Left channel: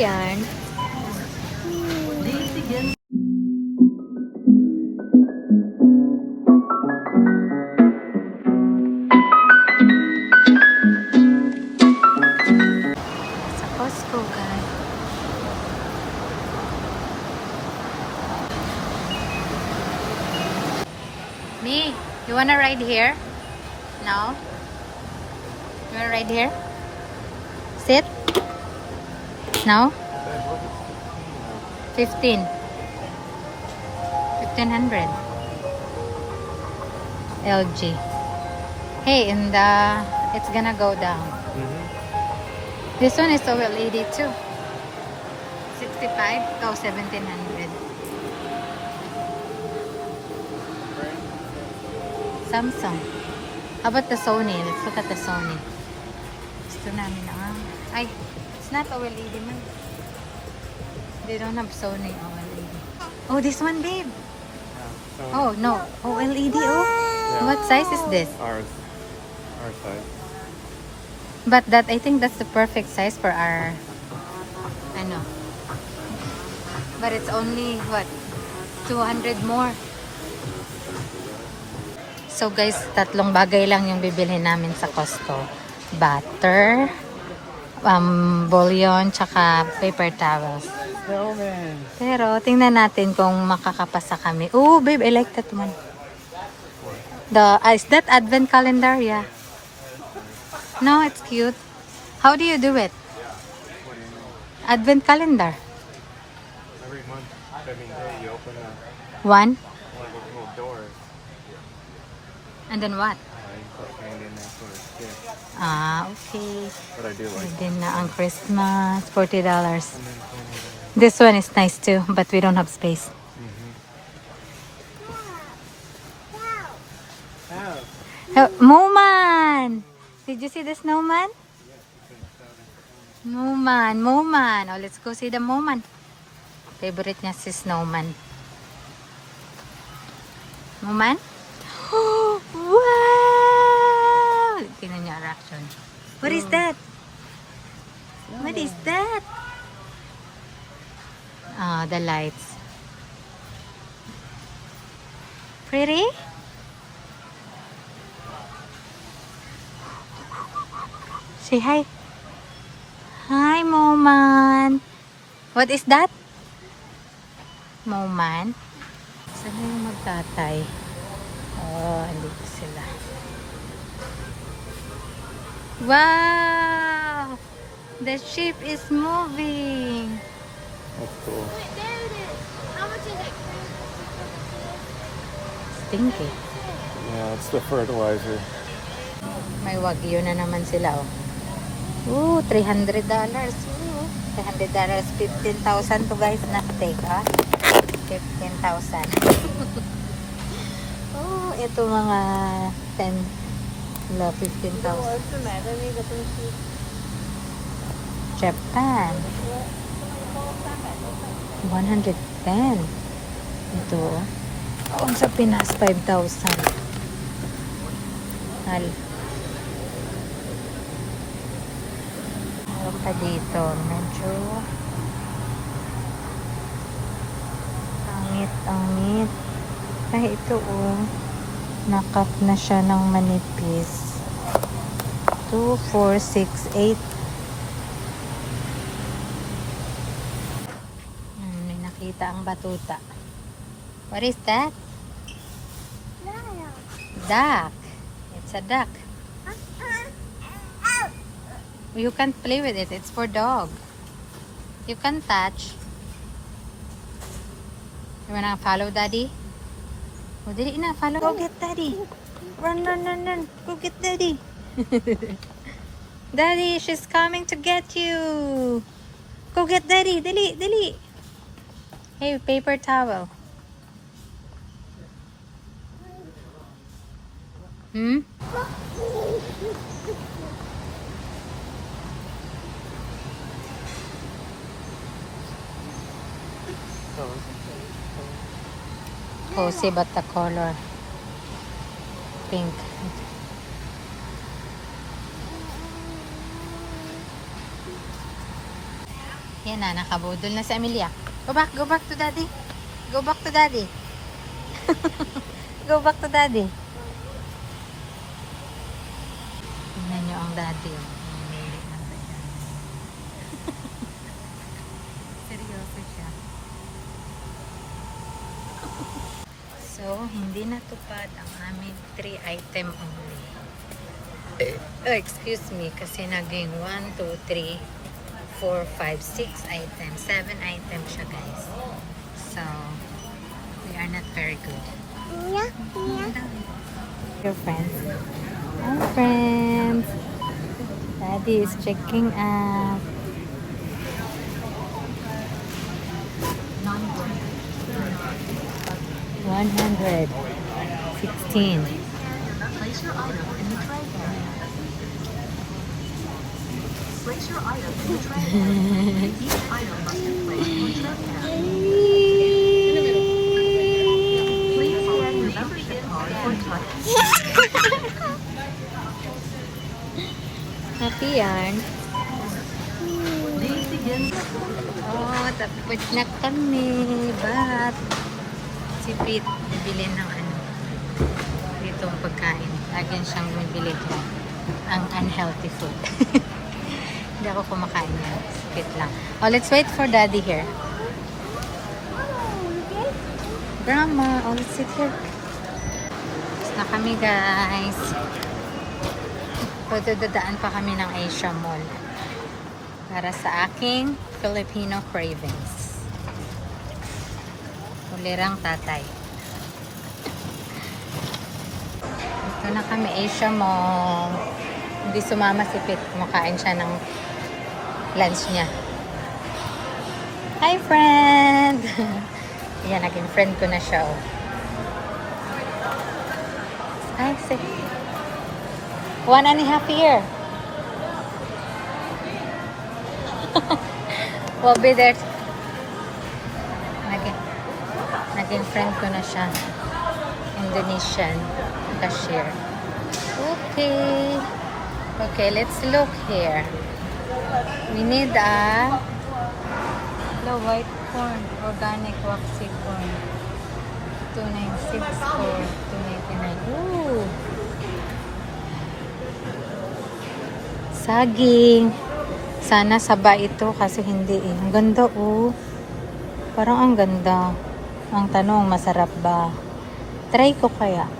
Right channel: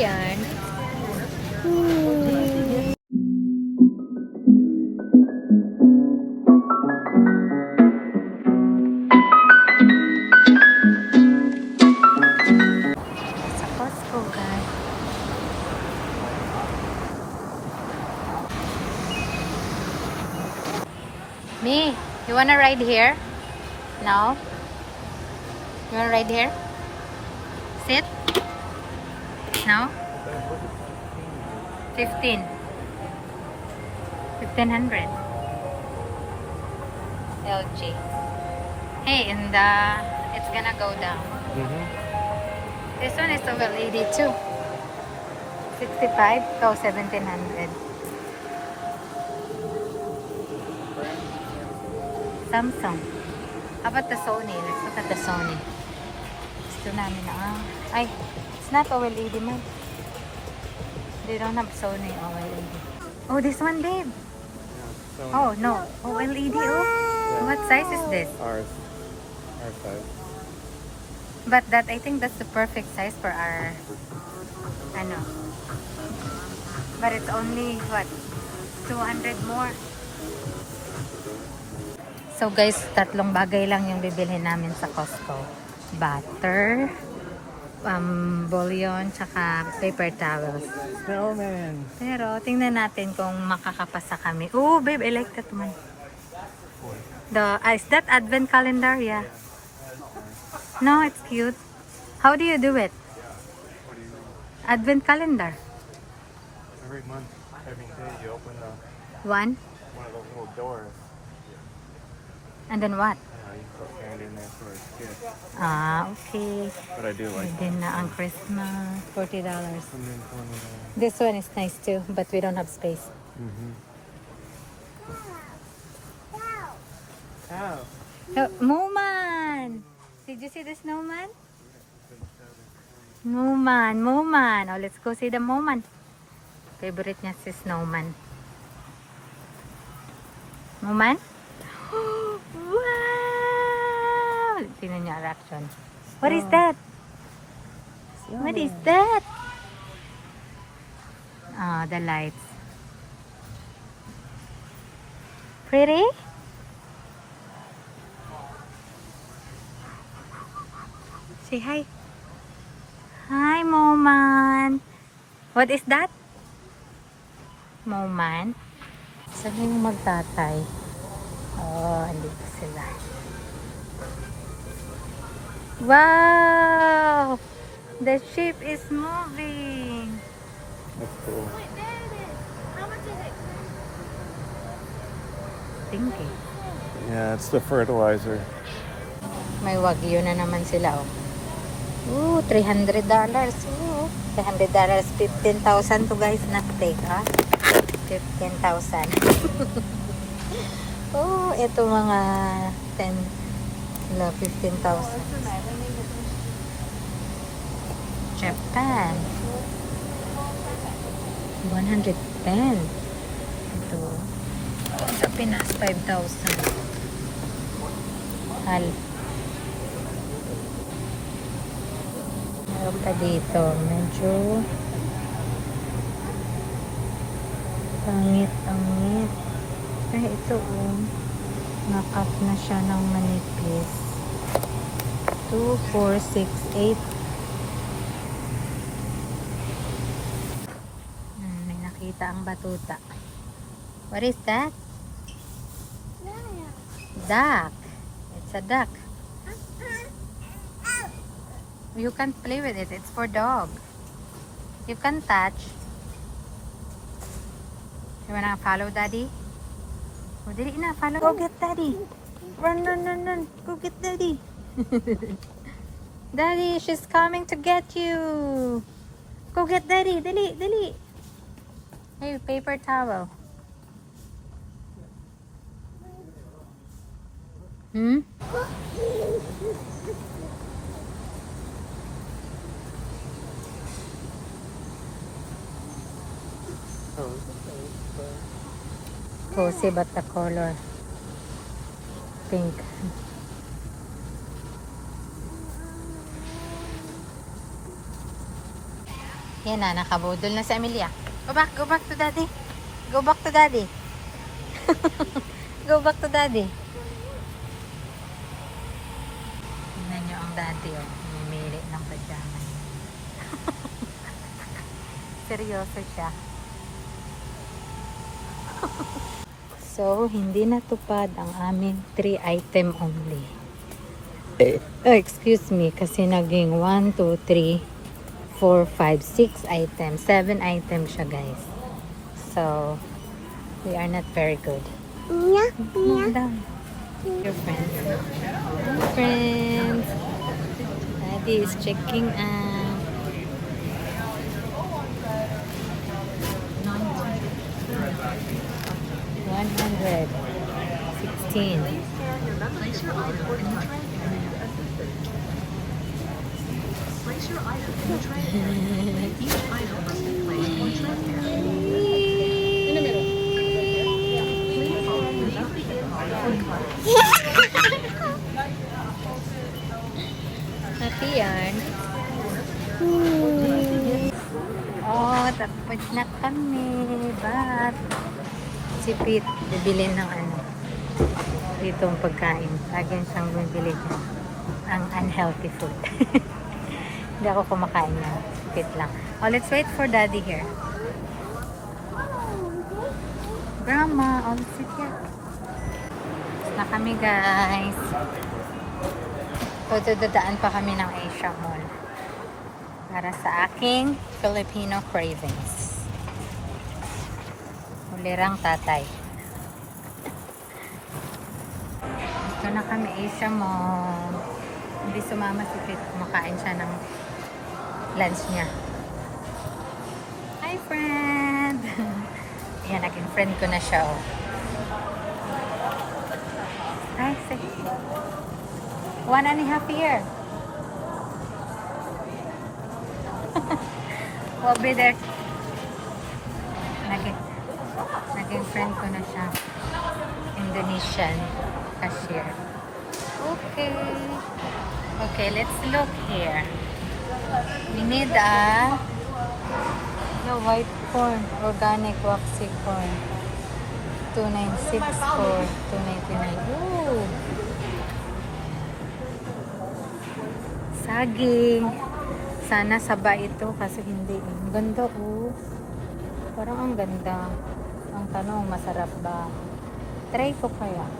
yan. Sa Costco, guys. Me, you wanna ride here? No? You wanna ride here? Sit? No? 15. 1500. LG. Hey, and it's gonna go down. This one is OLED too. 65 to 1700. Samsung. How about the Sony? Let's look at the Sony. Gusto namin ay, it's not OLED man. They don't have Sony OLED. Oh, this one, babe. Oh, no. OLED, oh. Yeah. What size is this? Our size. But I think that's the perfect size for our, ano. But it's only, what, 200 more. So guys, tatlong bagay lang yung bibilhin namin sa Costco. Butter, bouillon, tsaka paper towels. Pero tingnan natin kung makakapasa kami. Oh, babe, I like that one. Is that advent calendar? Yeah. No, it's cute. How do you do it? What do you mean? Advent calendar. Every month, day, you open One. one of those little doors. And then what? You put candy in there for a gift. Okay. But I do like And then ang Christmas, $40. and then This one is nice too, but we don't have space. Moman! Did you see the snowman? Moman. Oh, let's go see the Moman. Favorite niya si snowman. Moman? Wow! Tingnan niya reaction. What is that? What is that? The lights. Pretty? Say hi. Hi, Moman. What is that? Moman? Saan na yung magtatay? Oh, andito sila. Wow! The ship is moving. that's cool. Pinky. Yeah, it's the fertilizer. May wagyu na naman sila, oh. Ooh, $300. Ooh, $300. 15,000 to guys na take, ah. 15,000. Oh, ito mga 10, 15,000. Japan. 110. Ito. Oh, sa Pinas, 5,000. Hal. Meron pa dito. Medyo pangit. Ay, ito oh. Nakat na siya ng manipis. 2, 4, 6, 8. May nakita ang batuta. What is that? Duck. It's a duck. You can't play with it. It's for dog. You can't touch. You wanna follow daddy? Oh, dali na. Follow. Go get daddy. Run. Go get daddy. Daddy, she's coming to get you. Go get daddy. Dali. Hey, paper towel. Cozy but the color pink. Yan na, nakabudol na si Amelia. Go back to daddy. Go back to daddy. Go back to daddy. Tingnan nyo ang daddy, oh. Namimili ng pajama. Seryoso siya. So, hindi natupad ang aming 3 item only. Oh, excuse me, kasi naging 1, 2, 3, 4, 5, 6 items. 7 items siya, guys. So, we are not very good. Your friends. Hi, friends. Daddy is checking out. 116. Place your item in the tray bin. Place your item in the tray bin. Each item must be placed in the tray bin. Please follow the instructions on the tray. Happy yan. Oh, tapos na kami. But, si Pete, bibili ng ano, itong pagkain. Again siyang bibili ko. Ang unhealthy food. Hindi ako kumakain yan. Si Pete lang. Oh, let's wait for daddy here. Grandma, oh, let's sit here. Tapos na kami, guys. Pero dadaan pa kami ng Asia Mall para sa aking Filipino cravings. Ulirang tatay. Dito na kami, Asia Mall. Hindi sumama si Pete. Kumakain siya ng lunch niya. Hi, friend! Yan, naging friend ko na siya. Oh. Hi, say. 1.5 year. We'll be there. Naging friend ko na siya. Indonesian cashier. Okay. Okay, let's look here. We need a white corn, organic waxy corn. 296 for 299. Ooh. Saging. Sana saba ito kasi hindi eh. Ang ganda oh. Parang ang ganda. Ang tanong, masarap ba? Try ko kaya.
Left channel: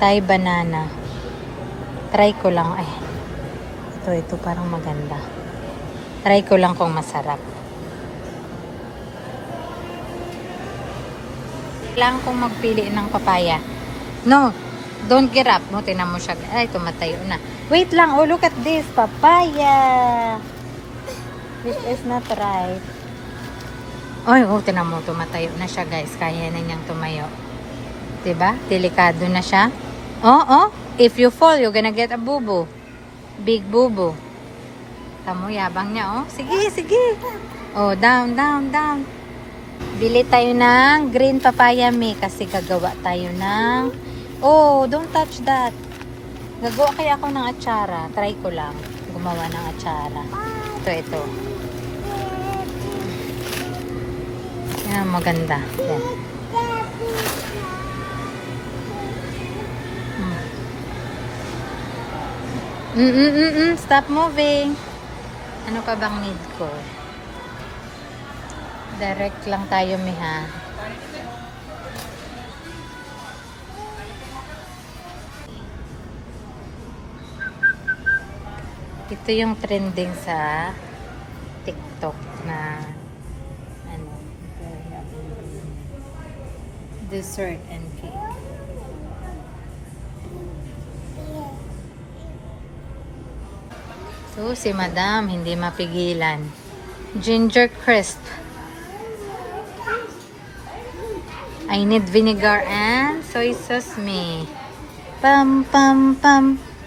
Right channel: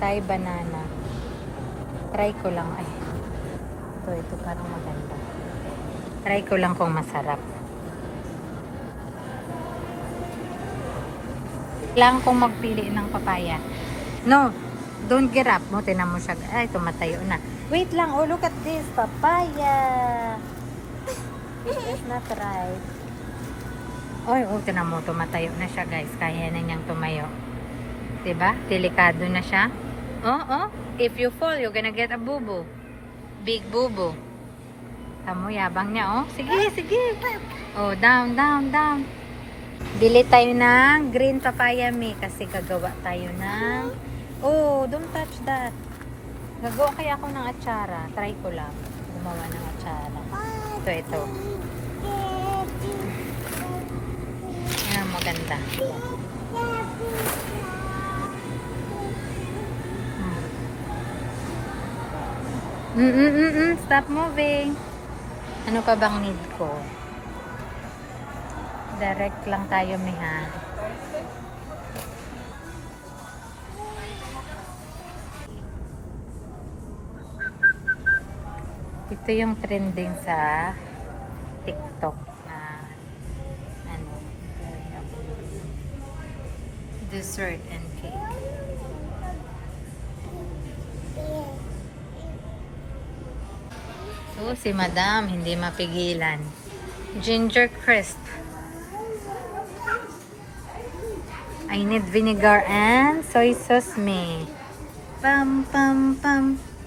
Thai banana. Try ko lang. Ay. Ito parang maganda. Try ko lang kung masarap. Kailangan kong magpili ng papaya. No. Don't get up. Mo, tinan mo siya. Ay, tumatayo na. Wait lang. Oh, look at this. Papaya. This is not right. Ay, oh, tinan mo. Tumatayo na siya, guys. Kaya na niyang tumayo. Diba? Delikado na siya. Oh. If you fall, you're gonna get a bubo. Big bubo. Tamo, yabang niya, oh. Sige. Oh, down. Bili tayo ng green papaya, me. Kasi gagawa tayo ng... Oh, don't touch that. Gagawa kaya ako ng atsara. Try ko lang. Gumawa ng atsara. Ito. Ayan, maganda. Ayan. Stop moving. Ano pa bang need ko? Direct lang tayo, miha. Ito yung trending sa TikTok na ano, dessert and cake. So, si Madam hindi mapigilan. Ginger crisp. I need vinegar and soy sauce, me. Pam.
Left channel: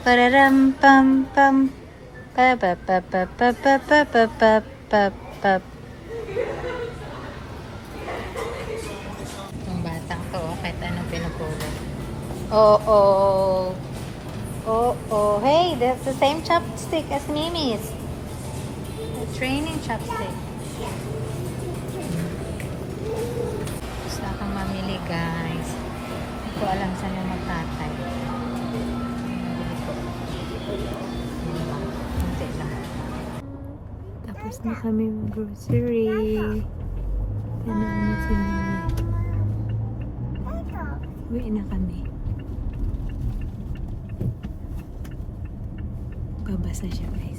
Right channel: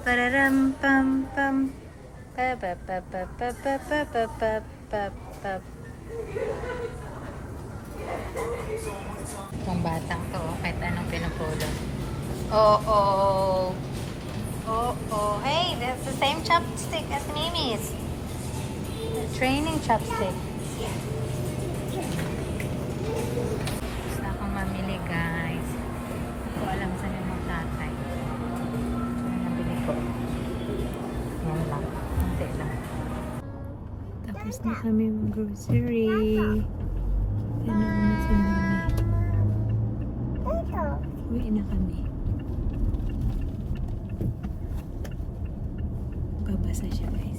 Pararam pam. Pap. Yung batang to, kahit anong pinupulot. Oh. Hey, that's the same chopstick as Mimi's. Training chopstick. Gusto akong mamili guys. Hindi ko alam saan yung magkatay. Nabili ko. Yan lang. Kunti lang. Tapos na kami mag-grocery. Ano na si Mami? Uwi na kami. Babasa siya guys.